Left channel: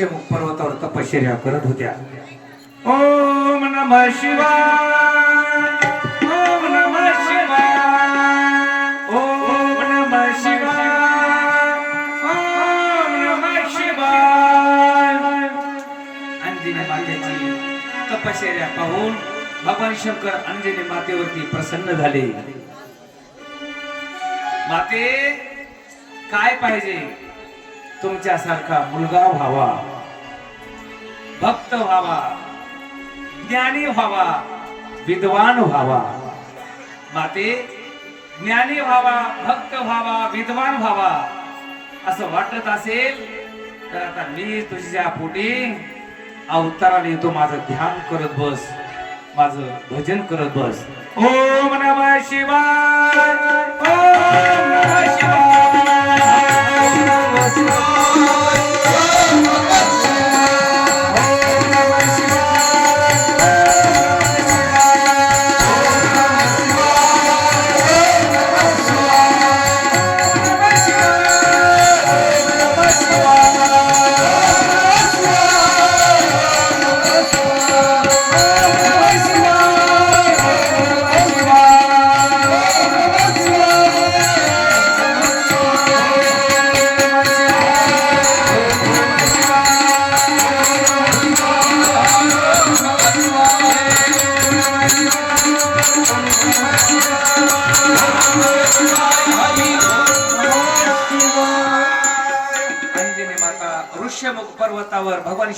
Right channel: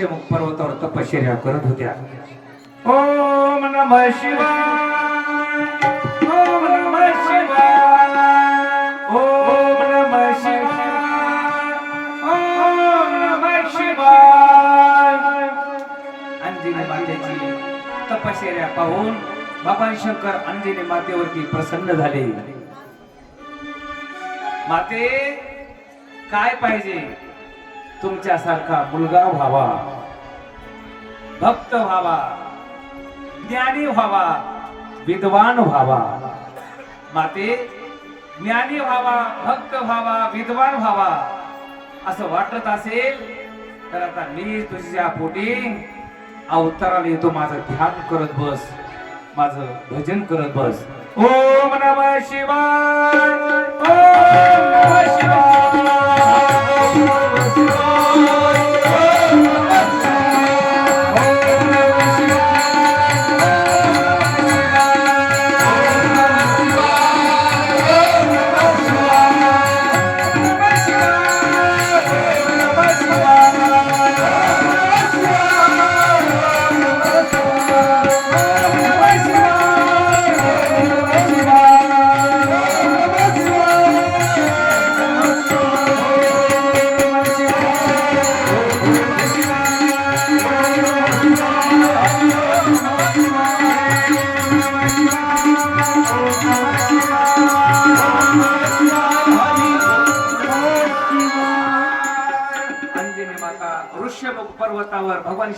माता पर्वतावर तपश्चर्या करत होत्या. ओम नम शिवाय ओम नम शिवाय ओम नम शिवाय ओम नम शिवाय. अंजनी मातेची तपश्चर्या पाहून भगवान शंकर अंजनी मातेवरती प्रसन्न झाले. माते काय पाहिजे? तुमच्यासारखा मुलगा व्हावा. भक्त व्हावा. ज्ञानी व्हावा. विद्वान व्हावा. माते ज्ञानी व्हावा भक्त व्हावा विद्वान व्हावा. असं वाटत असेल तर आता मी तुझ्या पोटी अवताराला येतो माझं ध्यान करत बस. माझं भजन करत बस. ओम नम शिवाय. ओम नम शिवाय.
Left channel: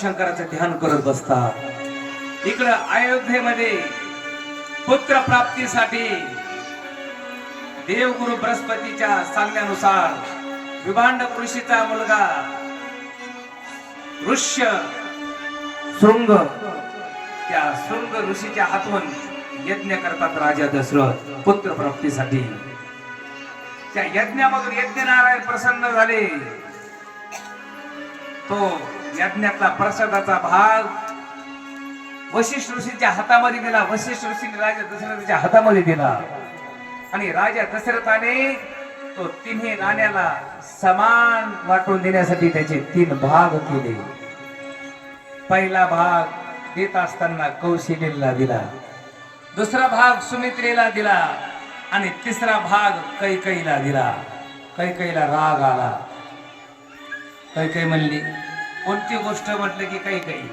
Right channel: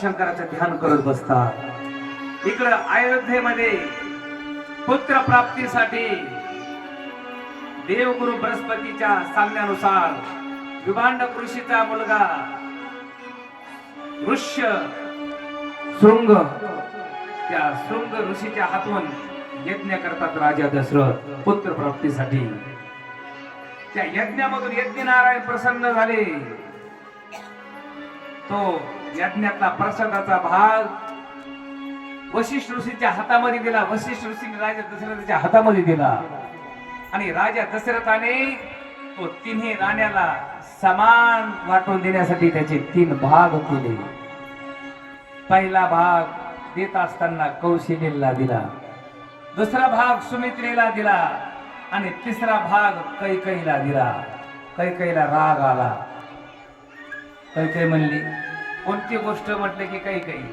शंकराचं ध्यान करत बसतात. इकडं अयोध्येमध्ये पुत्र प्राप्तीसाठी देवगुरु बृहस्पतीच्या सांगण्यानुसार विभांड ऋषीचा मुलगा ऋष्य शृंग त्या शृंग ऋषीच्या हातून यज्ञ करतात राजा दशरथ पुत्र प्राप्तीसाठी. त्या यज्ञामधून यज्ञ नारायण प्रसन्न झाले. तो यज्ञातला प्रसादाचा भाग. वशिष्ठ ऋषीच्या हातामध्ये दिला. वशिष्ठ ऋषीने राजा दशरथाच्या हातामध्ये दिला. आणि राजा दशरथाने तो तिन्ही राण्याला समान वाटून देण्यासाठी त्याचे तीन भाग केले. पहिला भाग देत असताना कौशल्यला दिला. दुसरा भाग सुमित्रेला दिला. आणि तिसरा भाग कैकईला दिला. कैकईला राग आला. कैकई म्हणली कोणती गोष्ट म्हटलं की काही काही.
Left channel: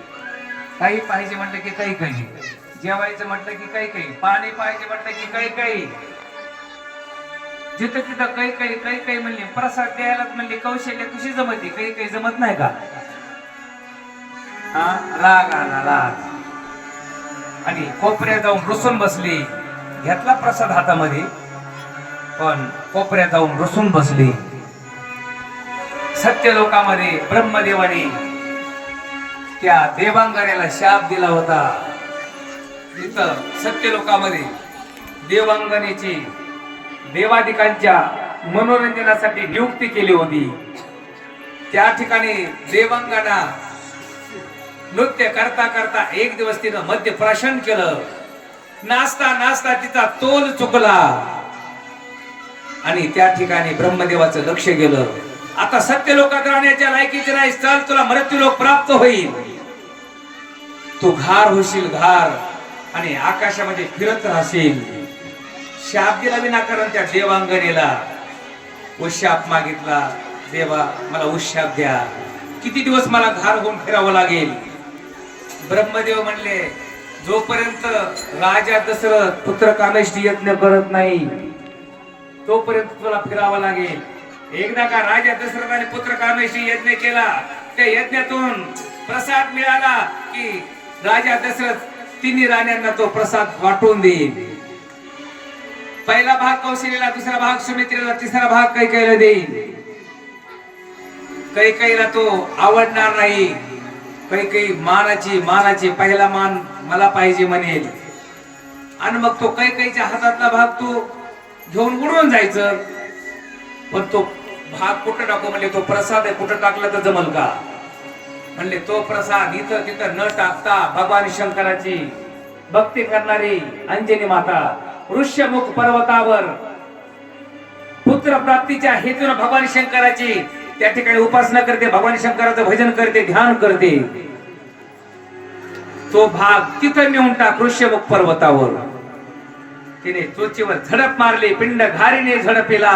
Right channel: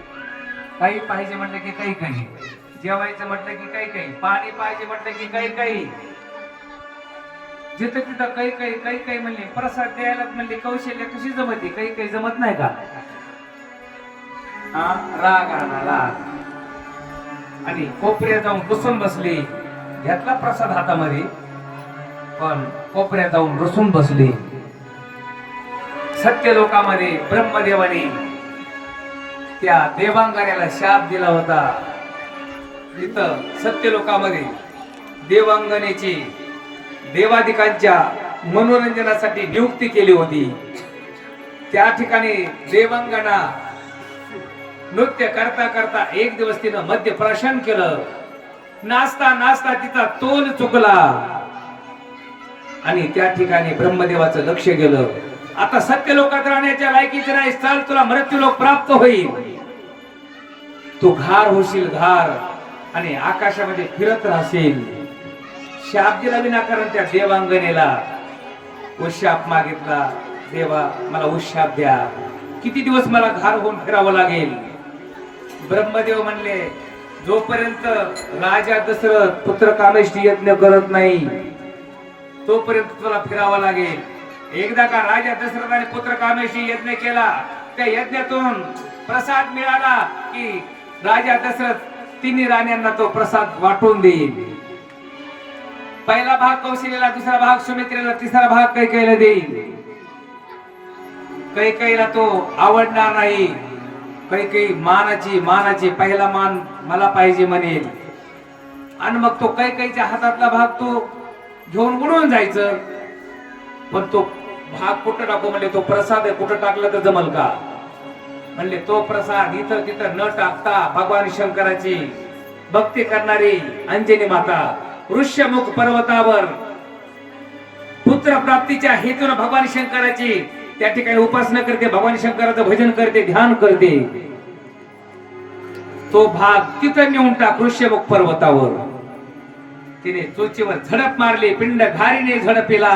काही पाहिजे म्हटलं की काही काही. जेवायचं म्हटलं की काही काही. पाणी पाहिजे म्हटलं की काही काही. जिथं तिथं काही काही काही काही म्हणले. प्रसाद द्यायला म्हणले कौशल्य कशी जमते काही काही जमत नाही का? हा? राग आला राग. आणि कोपऱ्यात जाऊन रुसून बसली. घेतला प्रसाद हातामध्ये. पण कोपऱ्यात जाऊन रुसून बसली. सत्य लोकामध्ये ब्रह्मदेवाने त्या देवांगण्याला शाप दिला होता. तिथं सत्य लोकामध्ये देवांगनेची देवाधिकांच्या मनोरंजनासाठी नियुक्ती केली होती. त्या ठिकाणी देवांगना नृत्य करता करता एक दिवस तिनं मध्य प्राशन केलं. नाचता नाचता तिचा तोल चुकला. आणि त्या ठिकाणी ब्रह्मदेवाचं लक्ष गेलं. आता सत्य लोकात राहण्याच्या लायकीचे नाही चल तुला मृत्यू लोक प्राप्त होईल. तू घार होशील घार आणि आकाशामध्ये फिरत राहशील. शाप दिला विनाकारण त्या देवांगनेला उशाप मागितला देवा मला उशाप द्या. किती दिवस मला घार होऊन फिरावं लागेल? ब्रह्मदेव म्हणले जोपर्यंत राजा दशरथ पुत्र कामेष्टी यज्ञ करत नाही तोपर्यंत तुला फिरावं लागेल. एकदा का राजा दशरथाने पुत्र कामेशी यज्ञ केला त्या यज्ञातून प्रसाद मिळाला की राजा दशरथ तिन्ही राण्यांना तो प्रसाद वाटून देईल पहिला भाग कौशल्याला दुसरा भाग सुमित्रेला तिसरा भाग कैकेला देईल कैकेला तो आवडणार नाही. कैकई मानाची मानाची पहिला मान मला पाहिजे म्हणेल. आणि मग तो कैकईच्या हातातला भाग तो घेऊन उडून जायचं. पण तो भाग कुठं टाकू म्हणले तो प्रसाद आहे कुठं टाकला तर जमल का? म्हणले तो प्रसाद इथं तिथं न टाकता भगवान शंकराची भक्ती करणारी अंजनी माता ऋष्यमुख पर्वतावर पुत्र प्राप्तीच्या हेतून भगवान शंकराची त्या ठिकाणी उपासना करते भगवान शंकराचं भजन करते ध्यान करते. तो भाग तिथं नेऊन टाक ऋष्यमुख पर्वतावर. तिने चोचीवर झडप मारली पिंड घारीने झडपिला.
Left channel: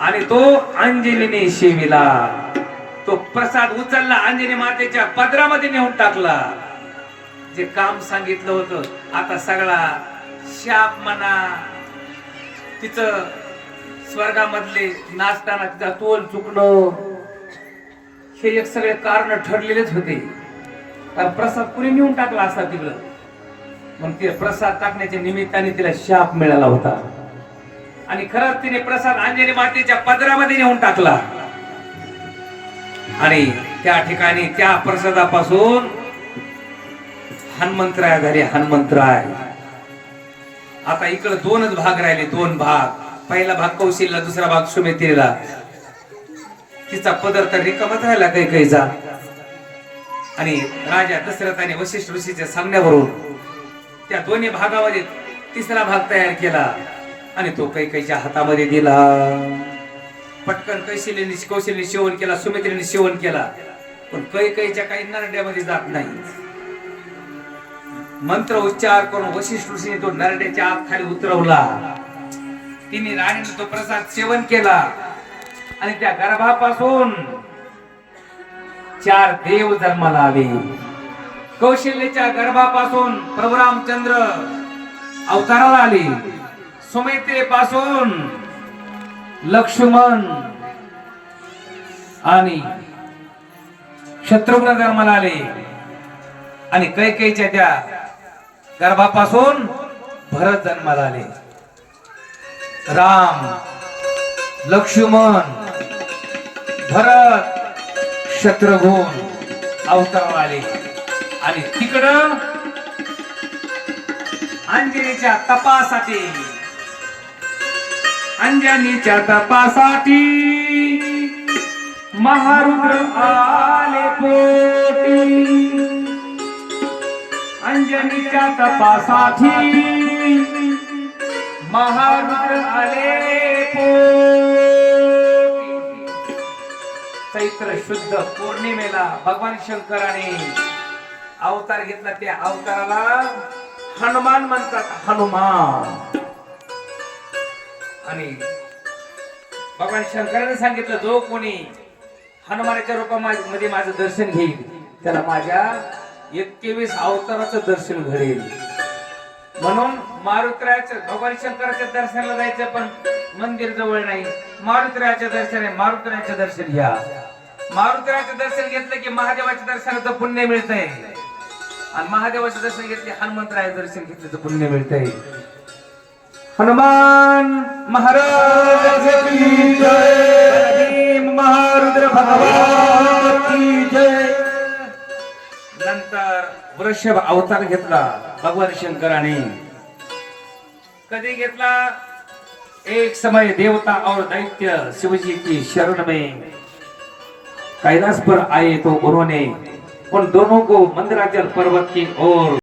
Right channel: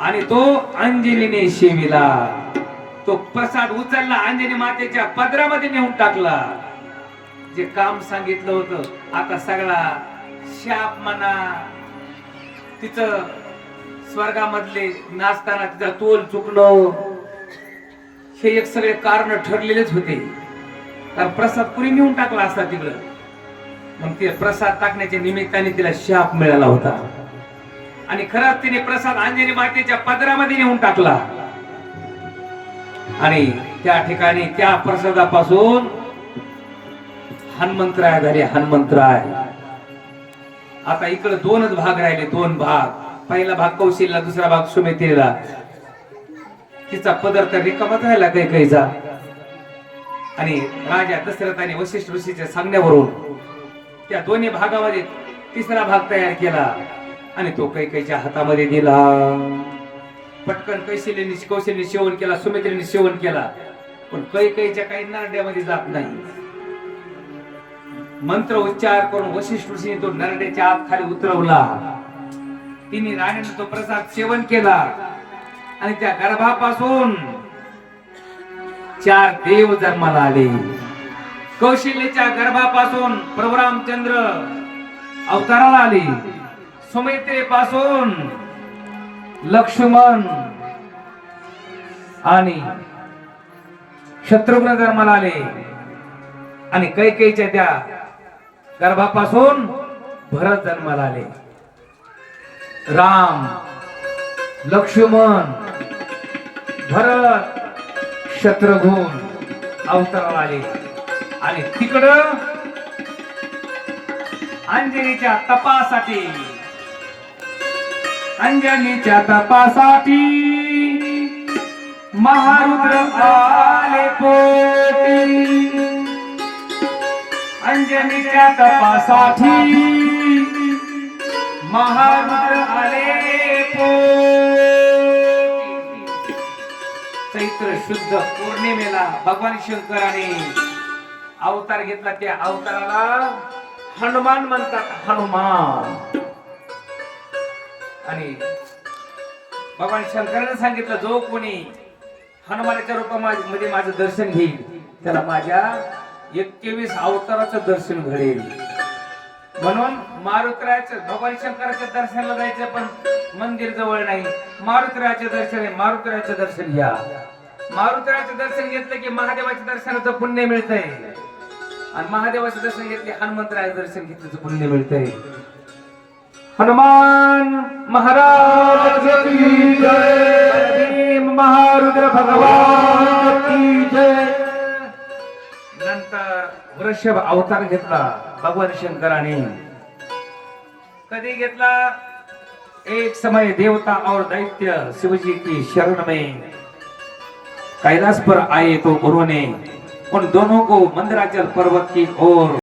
आणि तो अंजनीने शिविला. तो प्रसाद उचलला अंजनी मातेच्या पदरामध्ये नेऊन टाकला. जे काम सांगितलं होतं आता सगळा शाप म्हणा तिचं स्वर्गामधले नाचताना तिचा तोल चुकणं हे एक सगळे कारण ठरलेलेच होते. कारण प्रसाद पुरी नेऊन टाकला असता तिकडं? मग ते प्रसाद टाकण्याच्या निमित्ताने तिला शाप मिळाला होता. आणि खरंच तिने प्रसाद अंजनी मातेच्या पदरामध्ये नेऊन टाकला. आणि त्या ठिकाणी त्या प्रसादापासून हनुमंतराय झाले हनुमंतराय. आता इकडे दोनच भाग राहिले दोन भाग. पहिला भाग कौशिकला दुसरा भाग सुमित्रेला तिचा पदर तर रिकामाच राहिला काही काहीचा. आणि राजा दशरथ आणि वशिष्ठ ऋषीच्या सांगण्यावरून त्या दोन्ही भागामध्ये तिसरा भाग तयार केला. आणि तो कैकईच्या हातामध्ये दिला. पटकन कैशिलीने कौशल्य सेवन केला सुमित्रीने सेवन केला पण कैकईच्या काही नरड्यामध्ये जात नाही. मंत्र उच्चार करून वशिष्ठ ऋषीने तो नरड्याच्या आत खाली उतरवला. तिने राणीने तो प्रसाद सेवन केला. आणि त्या गर्भापासून चार देव जन्माला आले. कौशल्याच्या गर्भापासून प्रभुरामचंद्र अवताराला आले. सुमित्रेपासून लक्ष्मण आणि शत्रुघ्न जन्माला आले. आणि कैकेच्या त्या गर्भापासून भरत जन्माला आले. राम लक्ष्मण भरत शत्रुघ्न अवताराला आले. आणि तिकडं अंजनीच्या तपासाठी अंजनीच्या तपासाठी. महारुद्र आले पोटी. अंजनीच्या तपासाठी. महारुद्र आले पोटी. चैत्र शुद्ध पौर्णिमेला भगवान शंकराने अवतार घेतला. त्या अवताराला हनुमान म्हणतात. हनुमान. आणि भगवान शंकराने सांगितलं जो कोणी हनुमानाच्या रूपामध्ये माझं दर्शन घेईल त्याला माझ्या एकवीस अवताराचं दर्शन घडेल. म्हणून मारुतरायाचं भगवान शंकराच्या दर्शनाला जायचं पण मंदिर जवळ नाही. मारुतरायाचं दर्शन आहे मारुतरायाचं दर्शन घ्या. मारुतरायाचं दर्शन घेतलं की महादेवाच्या दर्शनाचं पुण्य मिळतंय. आणि महादेवाचं दर्शन घेतले हनुमंतरायाचं दर्शन घेतल्याचं पुण्य मिळतंय. हनुमान महाराज की जय। महारुद्र भगवान की जय। नंतर वृषभ अवतार घेतला भगवान शंकराने। कधी घेतला? एक समय देवता और दैत्य शिवजी की शरण में। कैलाश पर आए तो उन्होंने उन दोनों को मंदराचल पर्वत की ओर